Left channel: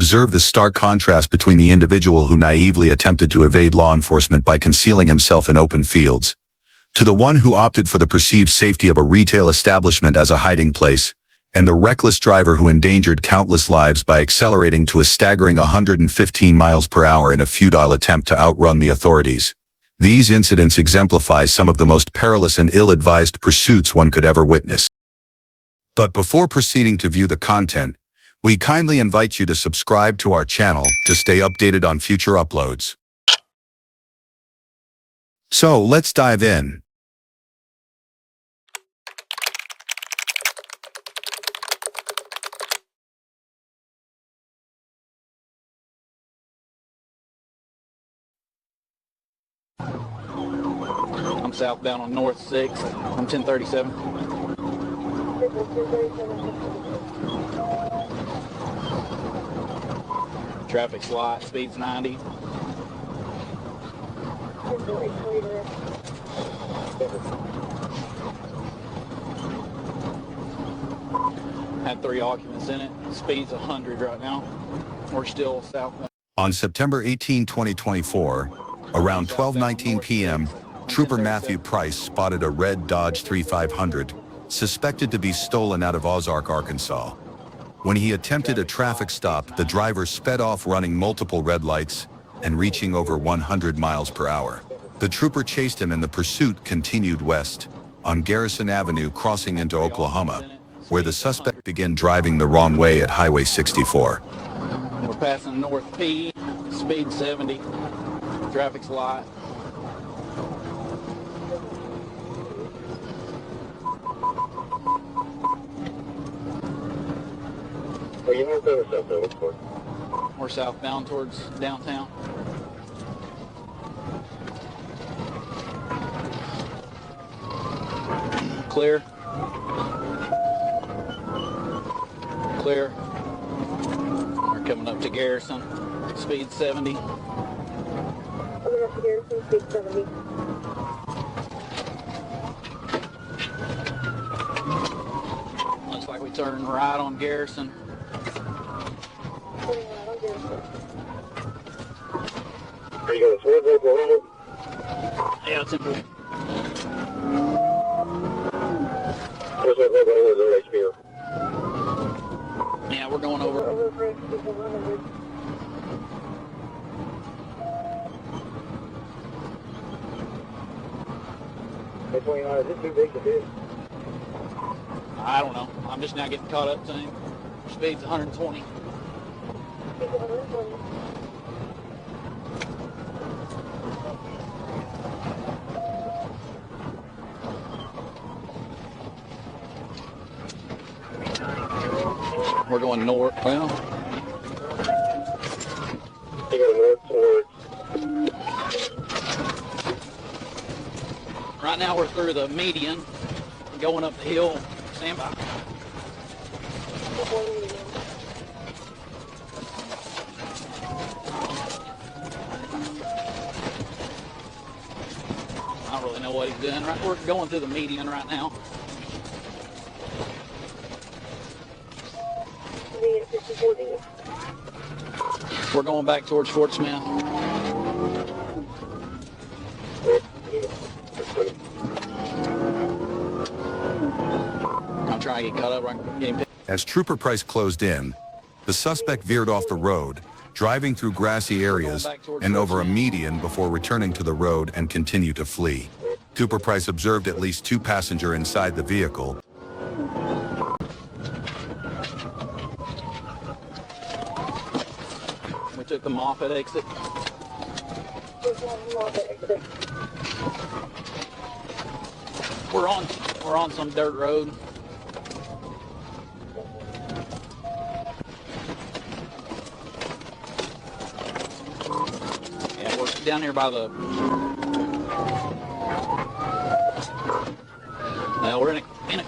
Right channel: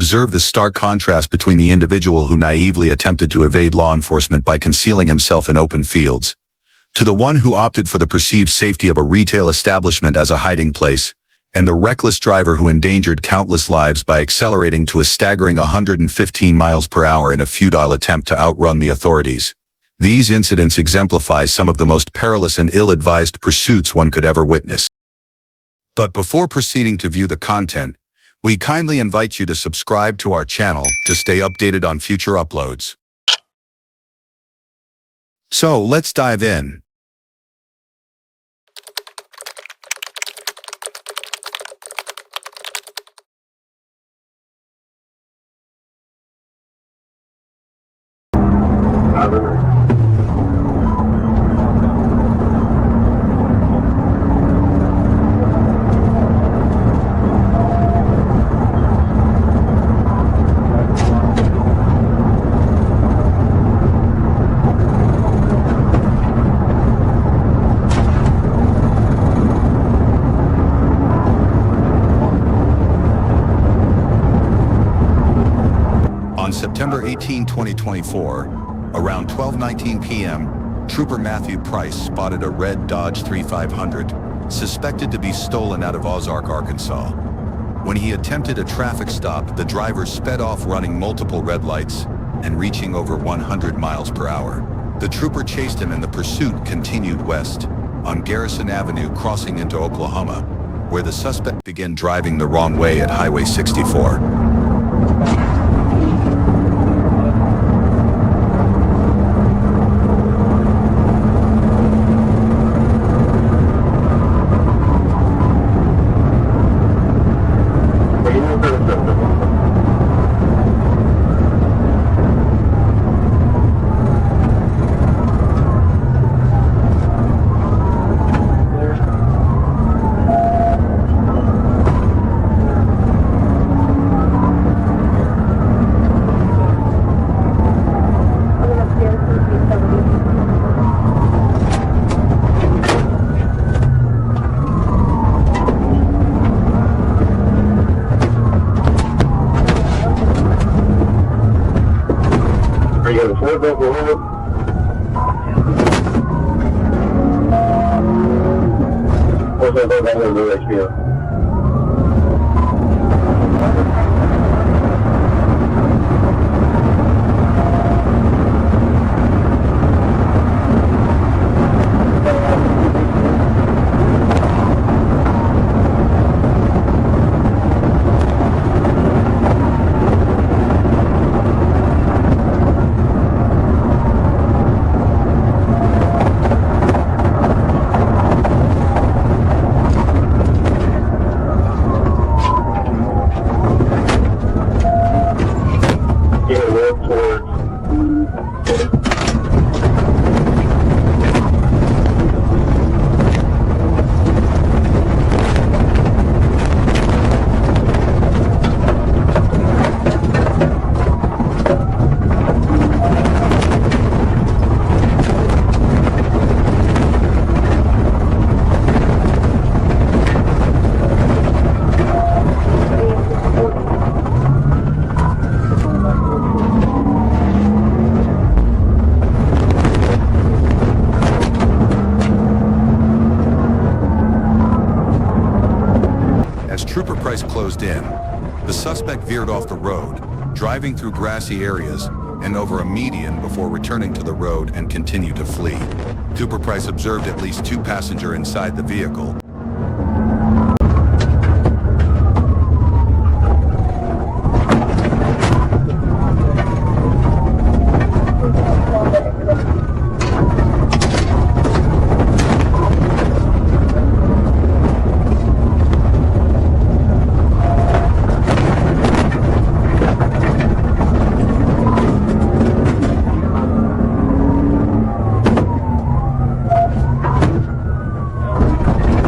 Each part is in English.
Observe the stark contrast between the individual who naively attempted to evade law enforcement by concealing himself in open fields, to the one who opted for the perceived safety of a retail establishment as a hiding place, and the reckless driver who endangered countless lives by accelerating to a staggering 115 miles per hour in a futile attempt to outrun the authorities. These incidents exemplify some of the most perilous and ill-advised pursuits one could ever witness. But before proceeding to view the content, we kindly invite you to subscribe to our channel to stay updated on future uploads. So, let's dive in. Southbound North 6, 1037. Traffic light, speed's 90. At 3 occupancy, speed's 100. We're still south. On September 18, 2024, around 12:19 p.m., Trooper Matthew Price spotted a red Dodge 3500, suspected to be stolen out of Ozark, Arkansas. When he attempted a traffic stop, the driver sped off running multiple red lights and reaching over 100 miles per hour. The trooper chased him and the pursuit continued west on Garrison Avenue, crossing into Oklahoma, where the suspect began driving the wrong way at Highway 64. Speed 70. Traffic's light. Southbound towards downtown. Clear. Clear. Coming up to Garrison. Speed 70. Looks like we took a ride on Garrison. Are you going to flip over here? Yeah, it's a What's that going on in the next year? yeah, we're going up. I don't know. I'm just now getting caught up to speed 120. We're going north now. You know, work towards Right now we're through the median, going up the hill. We're going through the median right now. We're going back towards Schwartzman. I'm trying to get caught up here. As Trooper Price closed in, the suspect veered off the road, driving through grassy areas and over a median before returning to the road and continued to flee. Trooper Price observed at least 2 passengers inside the vehicle. Took them off at exit. We're on some dirt road. Down here by the we're in a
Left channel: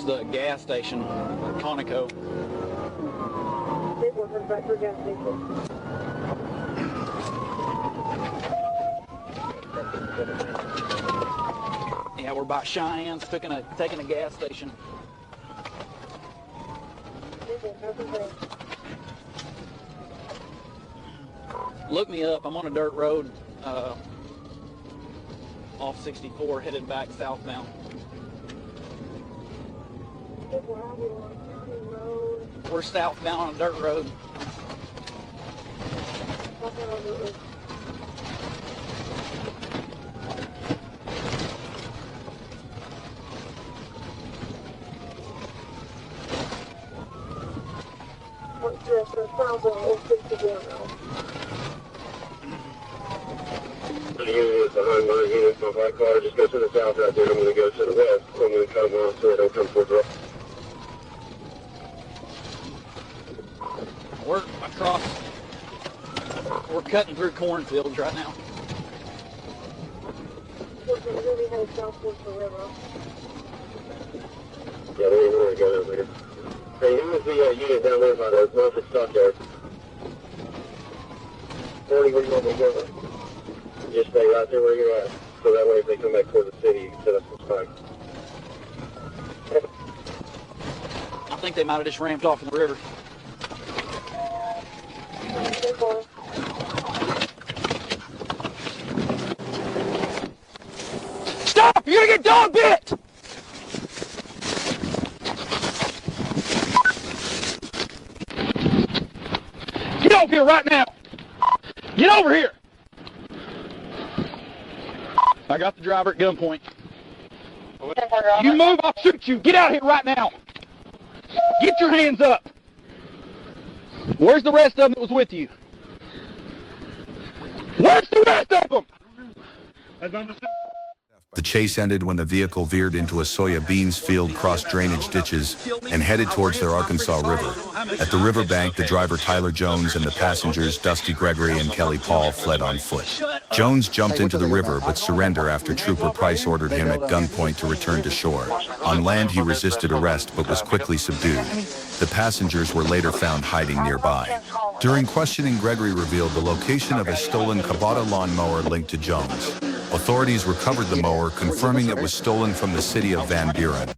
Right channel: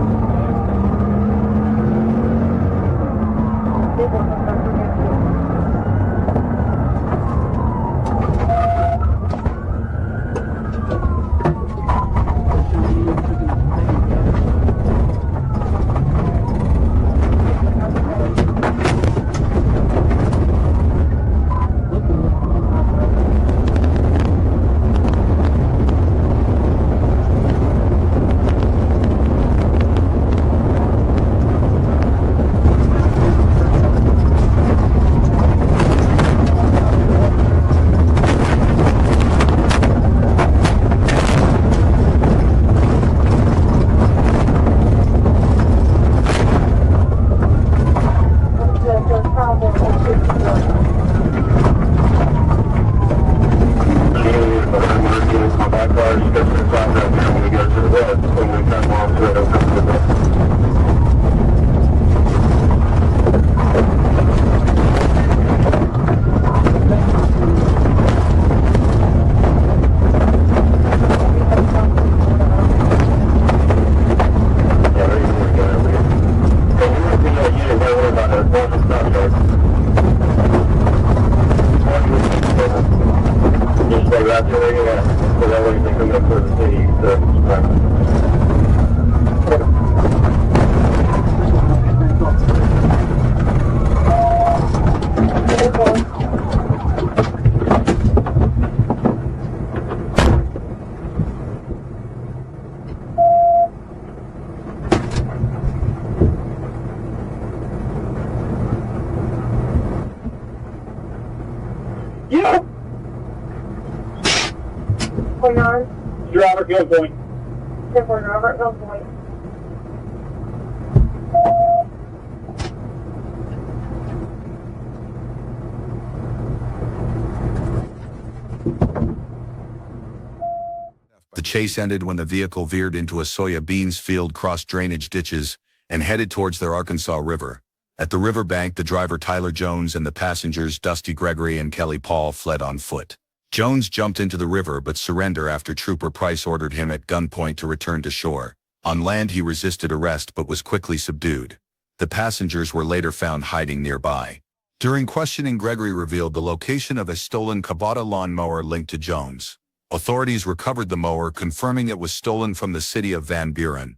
towards the gas station on Conoco. Yeah, we're by Sean. Still gonna take it to the gas station. Look me up. I'm on a dirt road. On 64 headed back southbound. We're southbound on a dirt road. My car is just inside up here when we go to the west, when we come on to it, come to the west. We're cutting through corners with me. Yeah, there you go, man. Hey, you would be you didn't worry about the north and south road. Just stay right to where you're at, so that way you can make the I think they might have just ramped off the river. Stop! You're gonna get dog bit! Get over here right now! Get over here! I got the driver, get over Driver, here. go point. You move, I'll shoot you. Get out of here right now. Get your hands up. Where's the rest of them that was with you? Where's the rest of them? The chase ended when the vehicle veered into a soya beans field, crossed drainage ditches, and headed towards their Arkansas River. At the riverbank, the driver Tyler Jones and the passengers Dusty Gregory and Kelly Paul fled on foot. Jones jumped into the river but surrendered after Trooper Price ordered him at gunpoint to return to shore. On land, he resisted arrest but was quickly subdued. The passengers were later found hiding nearby. During questioning, Gregory revealed the location of a stolen Kubota lawnmower linked to Jones. Authorities recovered the mower, confirming it was stolen from the city of Van Buren.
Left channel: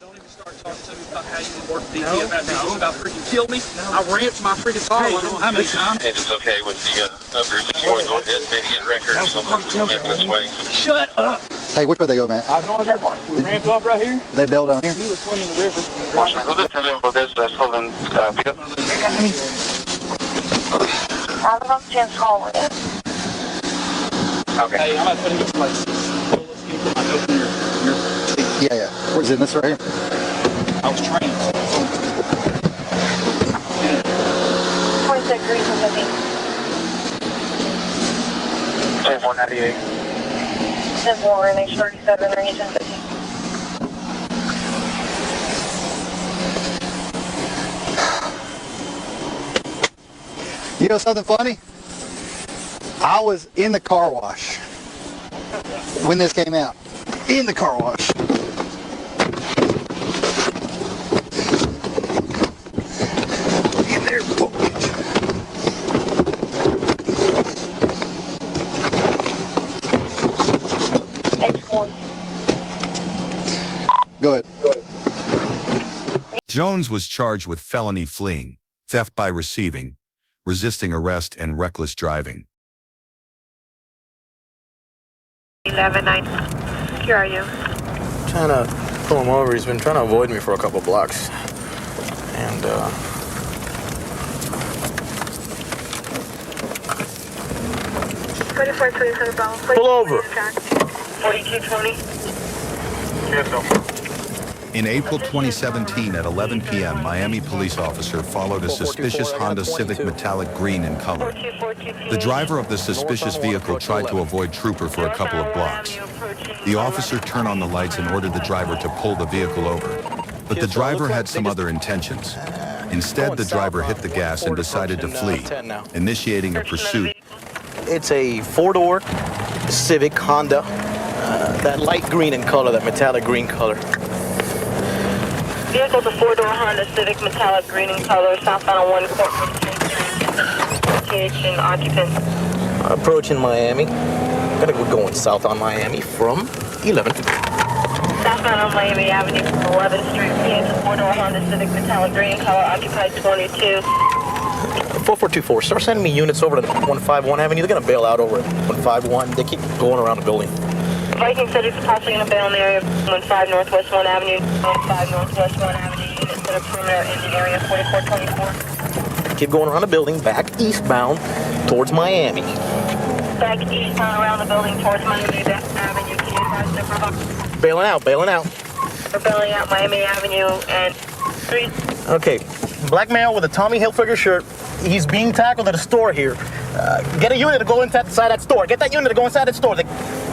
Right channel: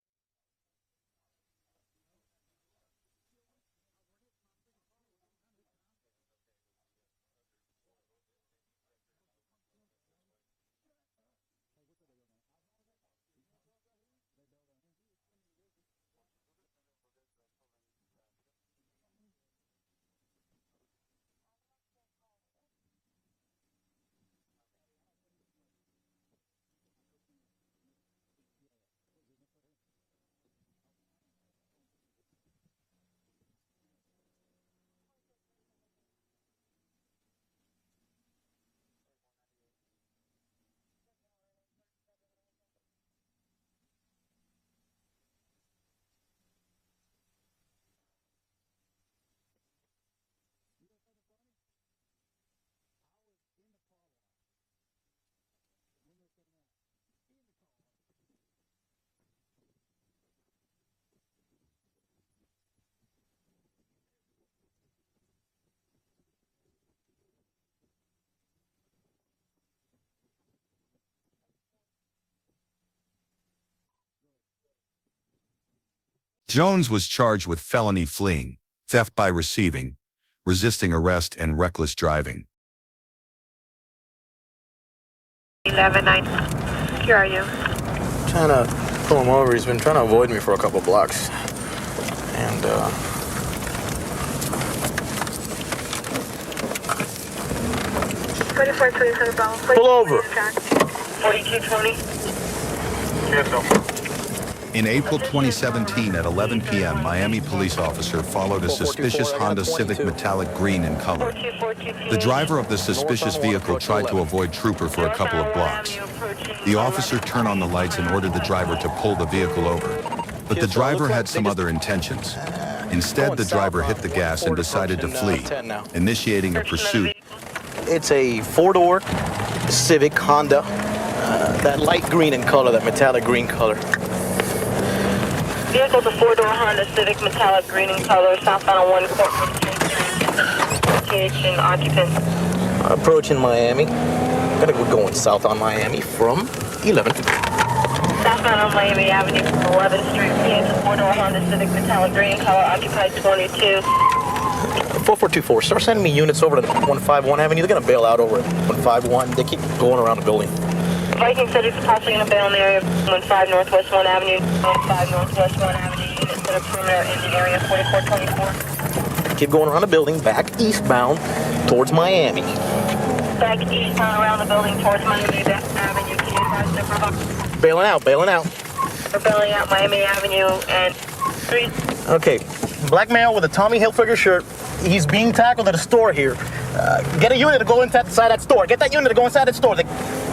Don't even start talking to me about how you work DT about freaking kill me. I ramped my freaking car. I don't know how many times. If it's okay with the upper if you want to go ahead, maybe get record or something this way. Shut up. Hey, which way they go, man? I know that part. We ramped off right here. They bailed down here? He was swimming the river. Who this is in for this stolen vehicle? Okay. Hey, I'm about to put him in place. Let's get him my note in your seat. Yeah. Where's it? This right here? I was trained. 26 degrees and 50. 2498. 10-4, and H37, range 1050. You know something funny? I was in the car wash when this came out. In the car wash. In there, H4. Go ahead. Jones was charged with felony fleeing, theft by receiving, resisting arrest, and reckless driving. 11-9. Here are you? Trying to pull him over. He's been trying to avoid me for a couple blocks. And, 24-27 Bravo. Pull over. 4220. Yes, sir. In April 2017 at 11 p.m., Miami police officer followed a suspicious Honda Civic metallic green in color. The driver of the suspicious vehicle tried to avoid Trooper for a couple of blocks. The officer turned on the lights and ordered the driver to pull the vehicle over. But the driver had some other intentions. Instead, the driver hit the gas and decided to flee, initiating a pursuit. It's a four-door Civic Honda, that light green in color, that metallic green color. Vehicle's a four-door Honda Civic metallic green in color, southbound on 1 Corporate and occupant. Approaching Miami. Gonna go going south on Miami from 11. Southbound on Miami Avenue from 11th Street. It's a four-door Honda Civic metallic green in color, occupied 22. 4424. Start sending me units over to 151 Avenue. They're gonna bail out over at 151. They keep going around the building. Viking said he's possibly going to bail in the area of 15 Northwest 1 Avenue, 15 Northwest 1 Avenue, units that are perimeter in the area 4424. Keep going around the building, back eastbound towards Miami. Back eastbound around the building towards Miami Avenue. Can you advise the provider? Bailing out, bailing out. We're bailing out Miami Avenue and 3. Okay, black male with a Tommy Hilfiger shirt. He's being tackled at a store here. Get a unit to go inside that store. Get that unit to go inside that store. The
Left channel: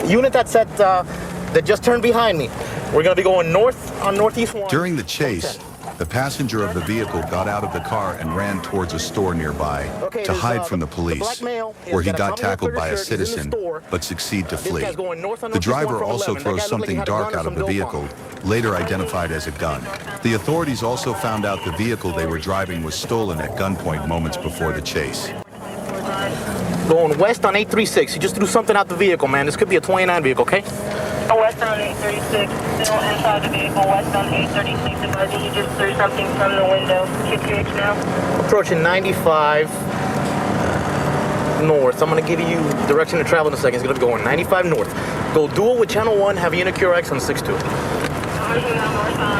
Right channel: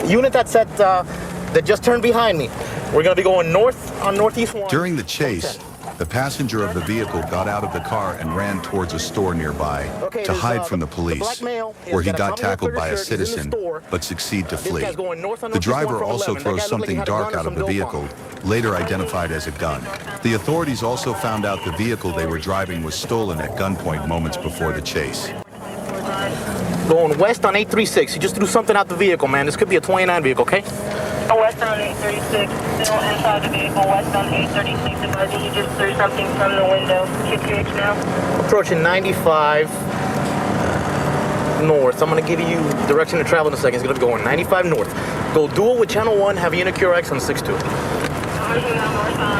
unit that's that just turned behind me. We're going to be going north on Northeast 1. During the chase, the passenger of the vehicle got out of the car and ran towards a store nearby to hide from the police, where he got tackled by a citizen, but succeeded to flee. The driver also throws something dark out of the vehicle, later identified as a gun. The authorities also found out the vehicle they were driving was stolen at gunpoint moments before the chase. Going west on 836. He just threw something out the vehicle, man. This could be a 29 vehicle, okay? West on 836, still inside the vehicle, west on 836. Advising you just threw something from the window. QTH now. Approaching 95 north. I'm going to give you direction to travel in a second. It's going to be going 95 north. Go dual with channel 1, have unit QRX on 62. North on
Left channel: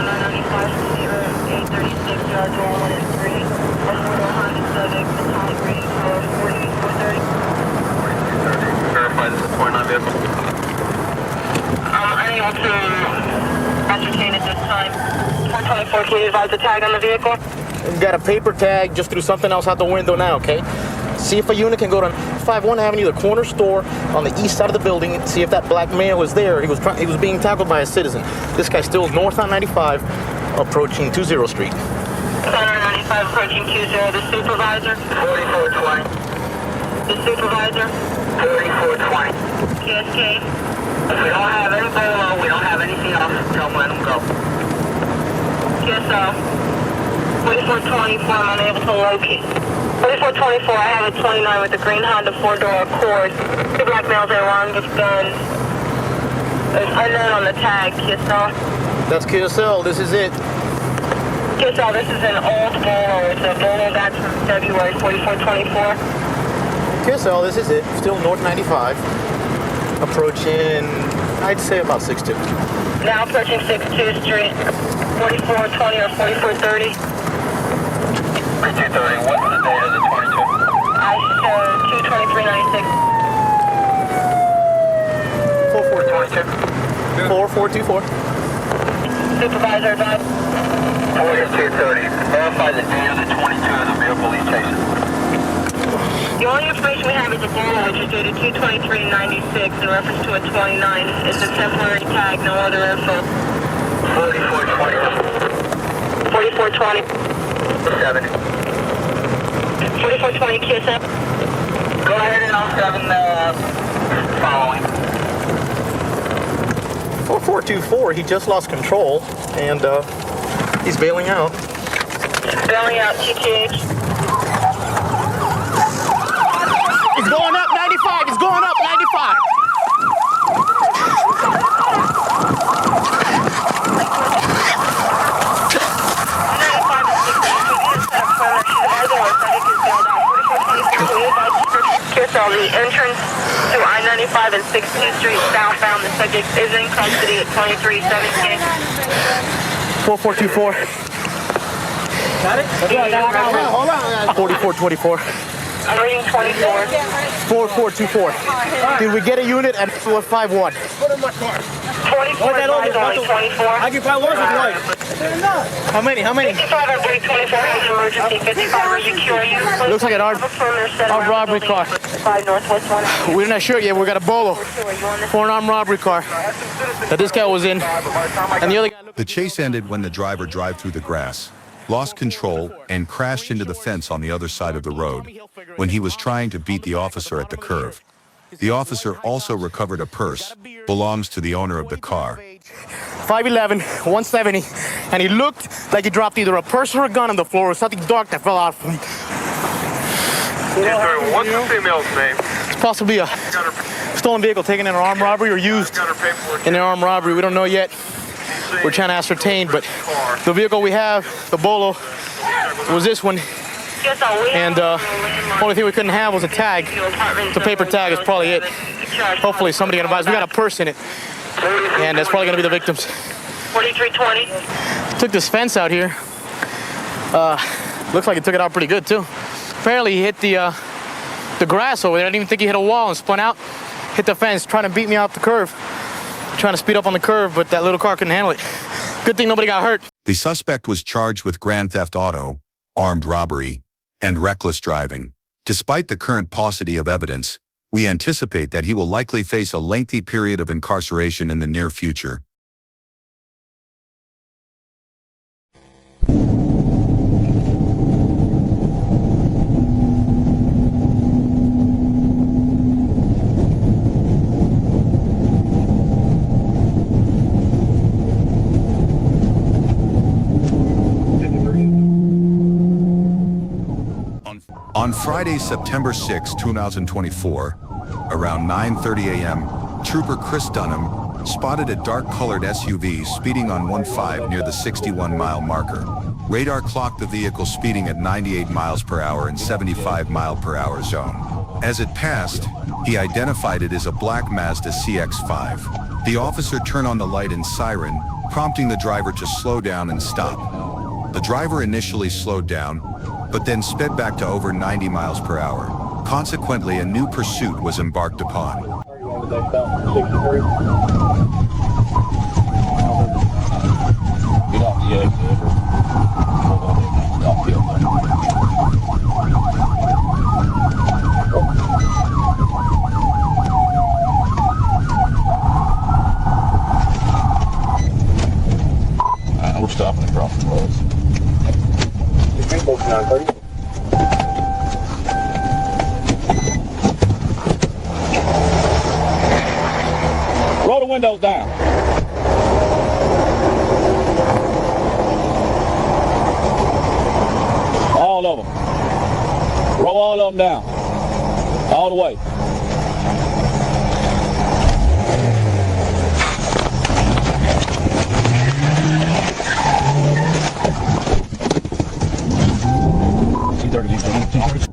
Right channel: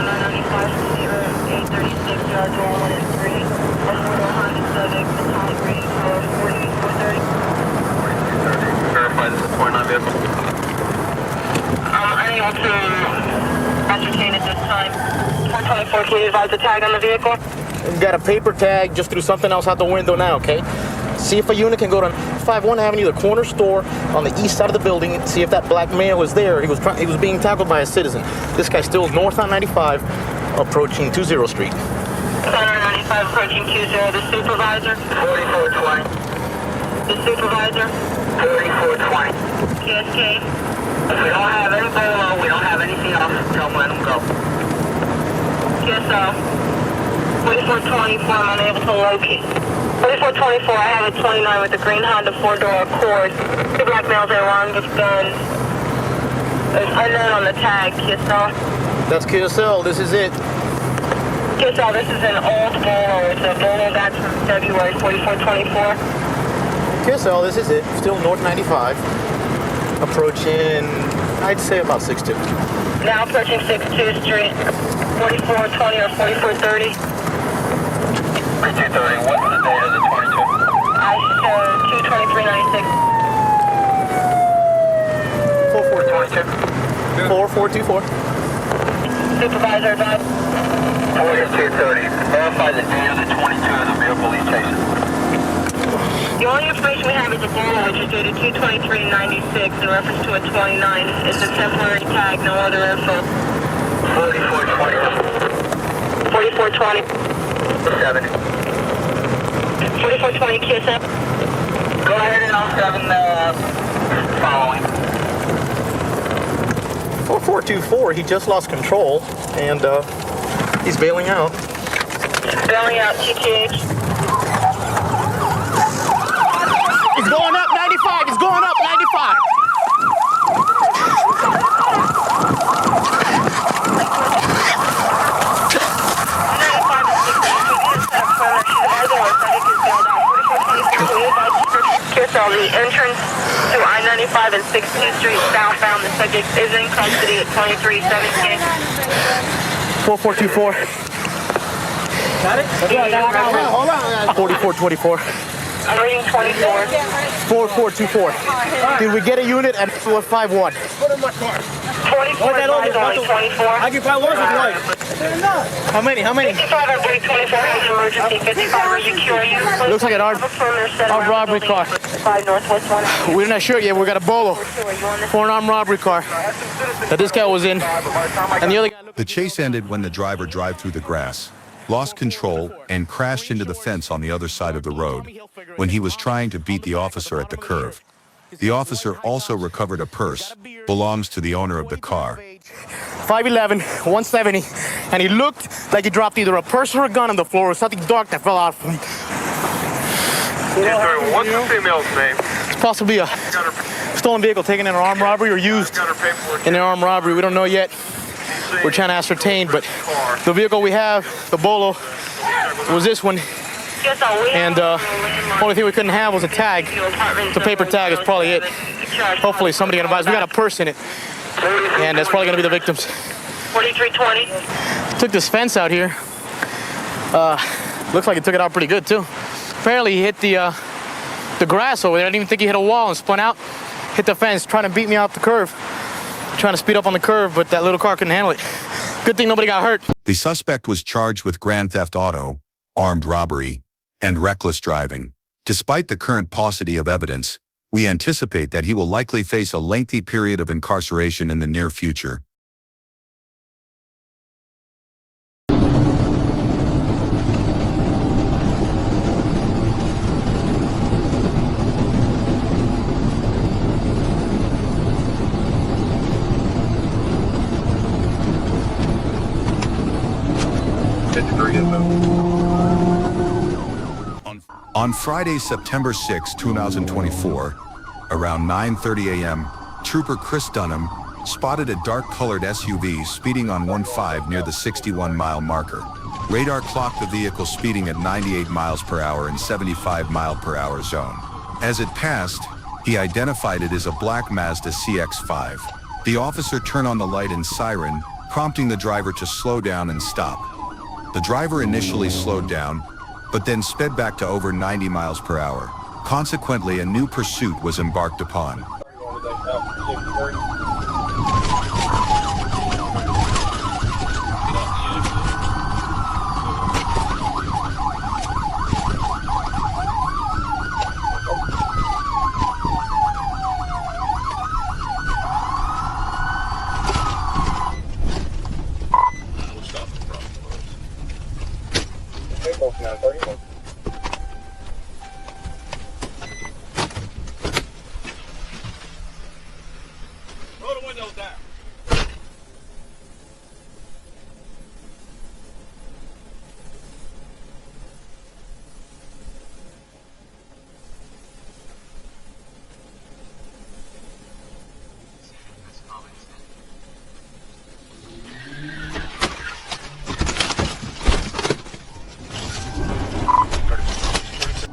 995, 836, yard dual 1 and 3. Honda Civic, metallic green, color 4430. Verify this is a 29 vehicle. I'm unable to ascertain at this time. 424, can you advise the tag on the vehicle? Got a paper tag, just threw something else out the window now, okay? See if a unit can go to 51 Avenue, the corner store on the east side of the building, and see if that black male was there. He was being tackled by a citizen. This guy's still north on 95, approaching 20 Street. Center 95 approaching 20, the supervisor. 4420. The supervisor. 4420. KSK. If we don't have any bolo, we don't have anything else, tell them let them go. KSO. 4424, I'm unable to locate. 4424, I have a 29 with the green Honda 4-door Accord. Two black males are armed with guns. There's unknown on the tag, KSO. That's QSL, this is it. KSL, this is an old bolo. It's a bolo back from February 4424. QSL, this is it. Still north 95. Approaching, I'd say about 62. Now approaching 62nd Street. 4420 or 4430. 3230, what's the date of the 22? I show 22396. 4424. 4424. Supervisor advised. 4230, verify the date of the 22 of the vehicle he's chasing. The only information we have is a bolo which is dated 22396 in reference to a 29. It's a temporary tag, no other info. 4420. 4420. 70. 4420 KSM. Go ahead and I'll 7 following. 4424, he just lost control, and he's bailing out. Bailing out TTH. He's going up 95, he's going up 95. KSL, the entrance to I-95 and 16th Street southbound. The subject is in custody at 2317. 4424. Got it? Hold on. 4424. I'm reading 24. 4424. Did we get a unit at 451? 24 advised only 24. Occupy one How many? 55 on 324 has emergency. 55 are secure. Looks like an armed robbery car. 5 Northwest 1. We're not sure yet. We got a bolo for an armed robbery car that this guy was in. And the other guy. The chase ended when the driver drove through the grass, lost control, and crashed into the fence on the other side of the road when he was trying to beat the officer at the curve. The officer also recovered a purse, belongs to the owner of the car. 5'11", 170, and he looked like he dropped either a purse or a gun on the floor or something dark that fell out from him. Yes, sir. What's the female's name? It's possibly a stolen vehicle taken in an armed robbery or used Got her paperwork. in an armed robbery. We don't know yet. We're trying to ascertain, but the vehicle we have, the Bolo, was this one. And only thing we couldn't have was a tag. The paper tag is probably it. Hopefully somebody can advise. We got a purse in it, and that's probably going to be the victims. 4320. Took this fence out here. Looks like he took it out pretty good too. Apparently he hit the grass over there. I didn't even think he hit a wall and spun out. Hit the fence, trying to beat me off the curve. Trying to speed up on the curve, but that little car couldn't handle it. Good thing nobody got hurt. The suspect was charged with grand theft auto, armed robbery, and reckless driving. Despite the current paucity of evidence, we anticipate that he will likely face a lengthy period of incarceration in the near future. On Friday, September 6, 2024, around 9:30 a.m., Trooper Chris Dunham spotted a dark-colored SUV speeding on 1-5 near the 61-mile marker. Radar clocked the vehicle speeding at 98 miles per hour and 75 mile per hour zone. As it passed, he identified it as a black Mazda CX-5. The officer turned on the light and siren, prompting the driver to slow down and stop. The driver initially slowed down, but then sped back to over 90 miles per hour. Consequently, a new pursuit was embarked upon. We'll stop and drop the roads. Roll the windows down. All of them. Roll all of them down. All the way.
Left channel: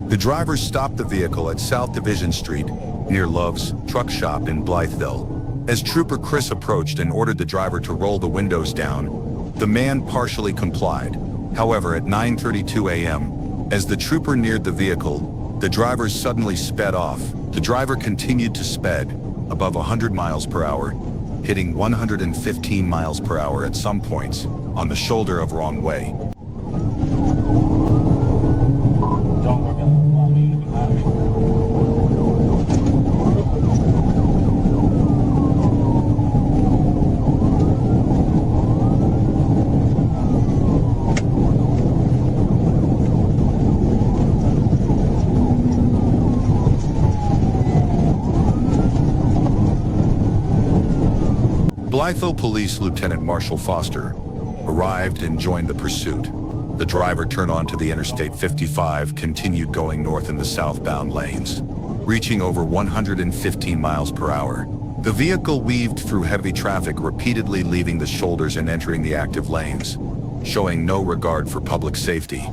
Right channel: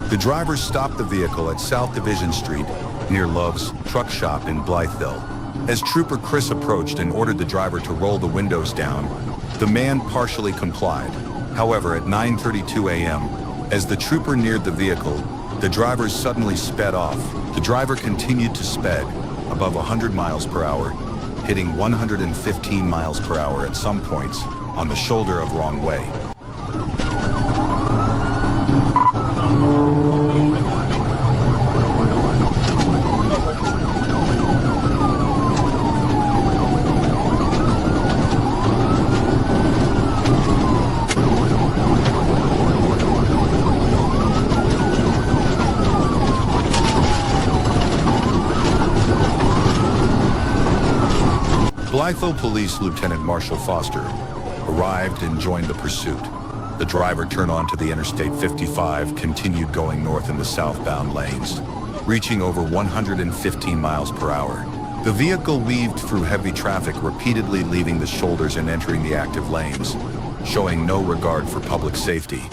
The driver stopped the vehicle at South Division Street, near Love's Truck Shop in Blytheville. As Trooper Chris approached and ordered the driver to roll the windows down, the man partially complied. However, at 9:32 a.m., as the trooper neared the vehicle, the driver suddenly sped off. The driver continued to sped above 100 miles per hour, hitting 115 miles per hour at some points on the shoulder of wrong way. Blytheville Police Lieutenant Marshall Foster arrived and joined the pursuit. The driver turned onto the Interstate 55, continued going north in the southbound lanes, reaching over 115 miles per hour. The vehicle weaved through heavy traffic, repeatedly leaving the shoulders and entering the active lanes, showing no regard for public safety.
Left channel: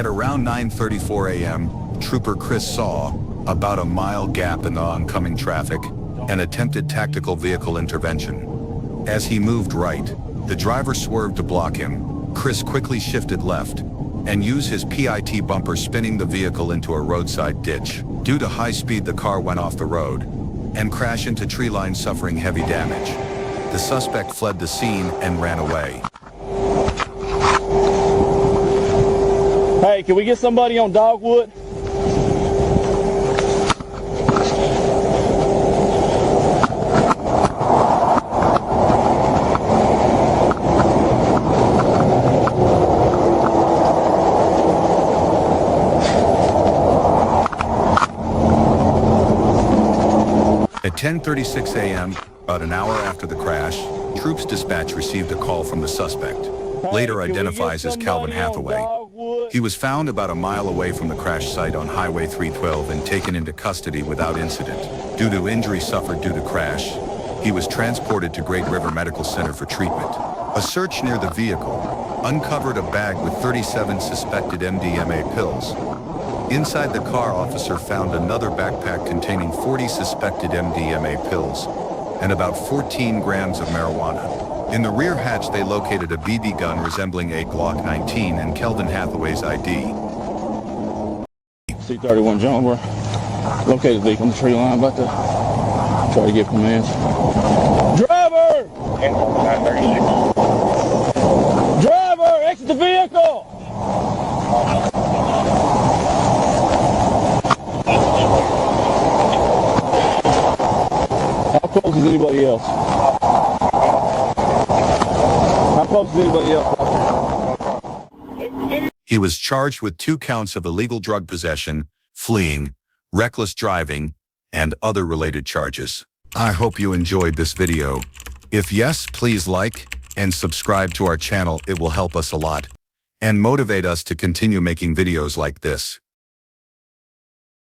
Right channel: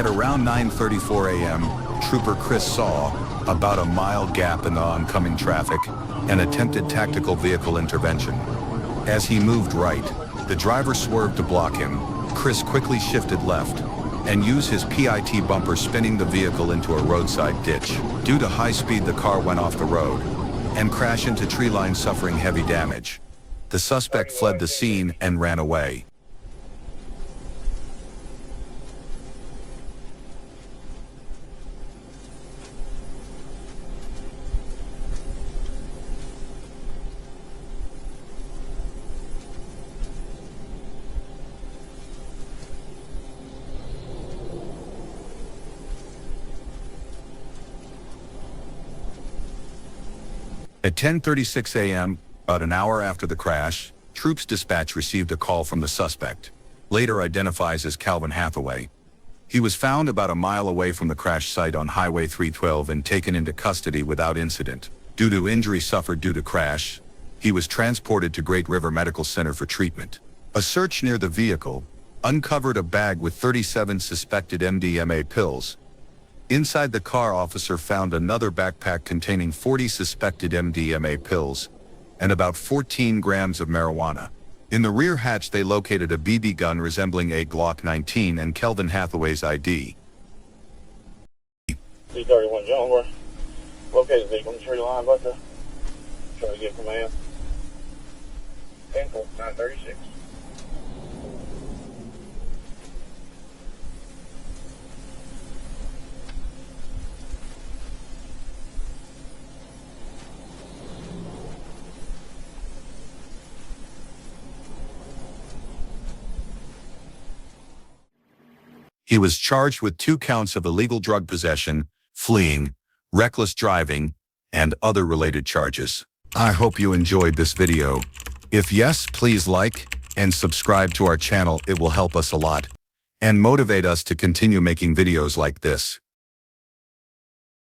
At around 9:34 a.m., Trooper Chris saw, about a mile gap in the oncoming traffic, and attempted tactical vehicle intervention. As he moved right, the driver swerved to block him. Chris quickly shifted left and used his PIT bumper, spinning the vehicle into a roadside ditch. Due to high speed, the car went off the road and crashed into tree line, suffering heavy damage. The suspect fled the scene and ran away. Hey, can we get somebody on Dogwood? At 10:36 a.m., about an hour after the crash, Troops Dispatch received a call from the suspect, later identifies as Calvin Hathaway. He was found about a mile away from the crash site on Highway 312 and taken into custody without incident. Due to injury suffered due to crash, he was transported to Great River Medical Center for treatment. A search near the vehicle uncovered a bag with 37 suspected MDMA pills. Inside the car, officer found another backpack containing 40 suspected MDMA pills and about 14 grams of marijuana. In the rear hatch, they located a BB gun resembling a Glock 19 and Kelvin Hathaway's ID. C-31 John, located there on the tree line, about to try to get commands. Driver! Driver, exit the vehicle! How close is anybody else? How close is anybody else? He was charged with 2 counts of illegal drug possession, fleeing, reckless driving, and other related charges. I hope you enjoyed this video. If yes, please like and subscribe to our channel. It will help us a lot and motivate us to continue making videos like this.